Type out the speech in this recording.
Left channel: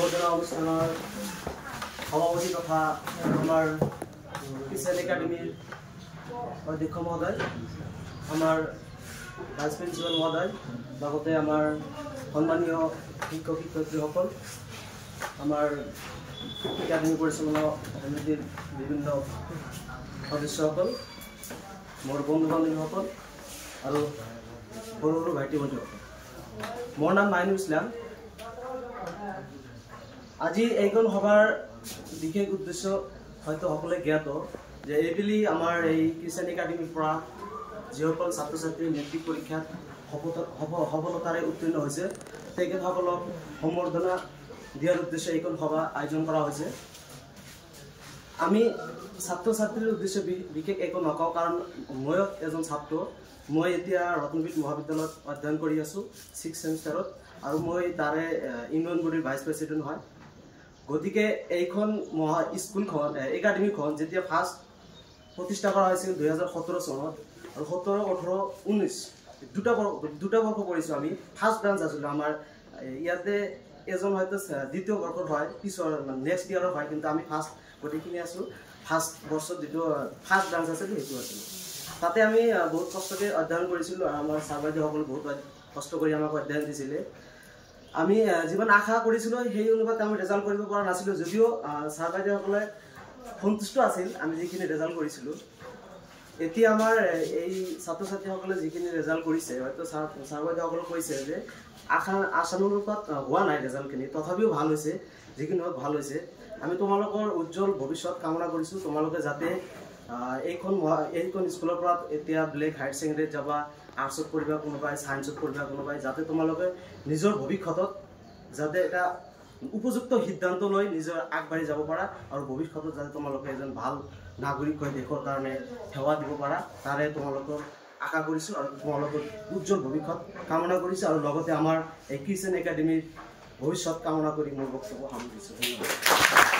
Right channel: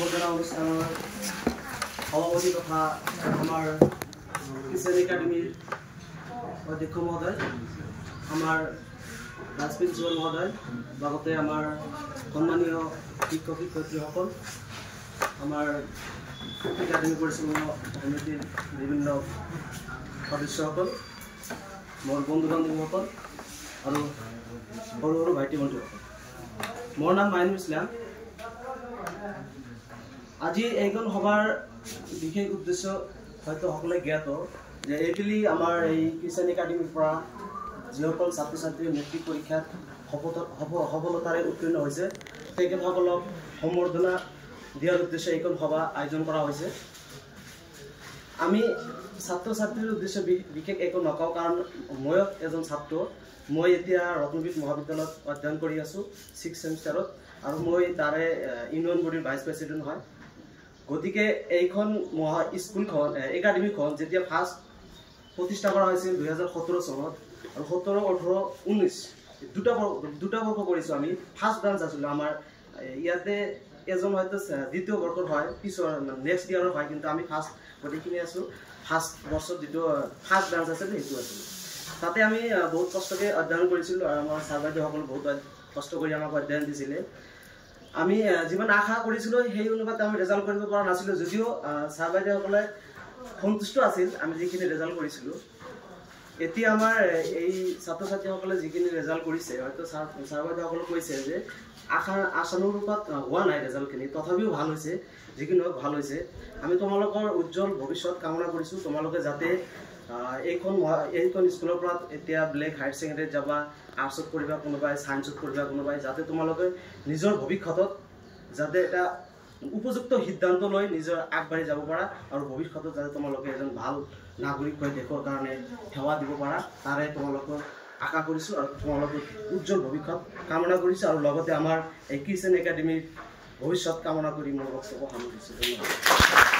সম্বৰ্ধনা অনুষ্ঠানৰ সভাপতি তথা আমাৰ কিষাণ একাডেমীৰ অধ্যক্ষ মহোদয়, আমাৰ ভাইচ প্ৰিন্সিপাল মহোদয়, লগতে আমাৰ সন্মানীয় শিক্ষক শিক্ষয়িত্ৰীসকল, আমাৰ একাডেমী পৰিচালনা সমিতিৰ বিভিন্ন সদস্যসকল, মোৰ বন্ধু বান্ধৱীসকল আৰু সৰু সৰু ভাইটি ভণ্টিসকল, মোৰ নাম মাইনুল ইছলাম। আজি এইখন সভাৰ বিশেষ উদ্দেশ্য হয়তো সকলোৱে জ্ঞাত যে এইবেলি আমাৰ এই কিষাণ একাডেমীৰ পৰা যিসকল ছাত্ৰ ছাত্ৰীয়ে মেট্ৰিক পৰীক্ষাত সফলতাৰে উত্তীৰ্ণ হৈছে তেখেতসকলক সম্বৰ্ধনা দিয়াৰ উদ্দেশ্যে এইখন সভা আয়োজন কৰা হৈছে। আমি ছাত্ৰ ছাত্ৰীৰ উদ্দেশ্যে বিশেষ একো নকওঁ, কাৰণ ময়ো এজন ছাত্ৰ। মই এতিয়া ৰত্নবিদ মহাবিদ্যালয়ত অধ্যয়ন কৰি আছোঁ 6th ছেমিষ্টাৰত, আৰু মই তাৰে ইউনিয়ন বডিৰ ভাইচ প্ৰেচিডেণ্ট হয়। গতিকে এইখন স্কুলখন একাডেমীখন যেতিয়া ফাৰ্ষ্ট প্ৰতিষ্ঠা কৰা হৈছিল 2017 চনত, আৰু 17, 18, 19 দুটা বৰ্ষ কৰিছোঁ আমি। ফাৰ্ষ্ট ব্ৰাঞ্চ আছিলোঁ আমাৰ ইয়াতে, এজন হয়তো দ্বিতীয় বৰ্ষত হয়, পিছৰ নেক্সট ইয়াৰৰ হয়, কিন্তু আমি ফাৰ্ষ্ট গোটেইখিনি আছোঁ। ফাৰ্ষ্ট বৰ্ষত যিটো ফাৰ্ষ্ট ব্ৰাঞ্চ আছিল সেইটো আছিলোঁ। তাতে আমি বহুত কষ্টকৈ অধ্যয়ন কৰিছিলোঁ, আৰু আমাৰ ছাৰ বাইদেউসকলে বহুত কষ্ট কৰি আমাক অধ্যয়ন দিছিলে। আমি যিমান আশা কৰিছিলোঁ সেই অনুপাতে আমি ৰেজাল্ট কৰিব পৰা নাছিলোঁ, যদিও ছাৰ বাইদেউসকলে সন্তুষ্ট আছিল আমি যিখিনি ৰেজাল্ট কৰিছিলোঁ। এতিয়া আমাৰ এই ছাত্ৰ ছাত্ৰীসকলে যিখিনি ৰেজাল্ট কৰিছে, হয়তো ছাৰ বাইদেউসকলে কৈছে যে আশানুৰূপত হোৱা নাই ৰেজাল্টখিনি, তথাপিও ভাল হৈছে, যিখিনি হওক ভাল হৈছে। আমি তোমালোকৰ উজ্জ্বল ভৱিষ্যত কামনা কৰিছোঁ। তোমালোকে যাতে এইখন স্কুলৰ পৰা এতিয়া বেলেগ হায়াৰ ছেকেণ্ডেৰীত যাবা, আৰ্টছত পঢ়িবা, কোনোবাই ছায়েন্সত পঢ়িবা, কোনোবাই, যাতে তোমালোকে নিজৰ ভৱিষ্যতত যাতে এটা উপযুক্ত সিদ্ধান্ত লৈ নিজৰ আগবাঢ়ি যাব পাৰা, আৰু ভৱিষ্যতত যাতে তোমালোকে এজন ভাল নাগৰিক হৈ দেশৰ কাৰণে সেৱা দিব পাৰা, তাৰে তোমালোকৰ আশা কৰিছোঁ, আৰু তোমালোকৰ উজ্জ্বল ভৱিষ্যত কামনা কৰিছোঁ, আৰু লগতে আমাৰ এই কিষাণ একাডেমীৰ ভৱিষ্যত কামনা কৰি মোৰ বক্তব্য সামৰিছোঁ। ধন্যবাদ।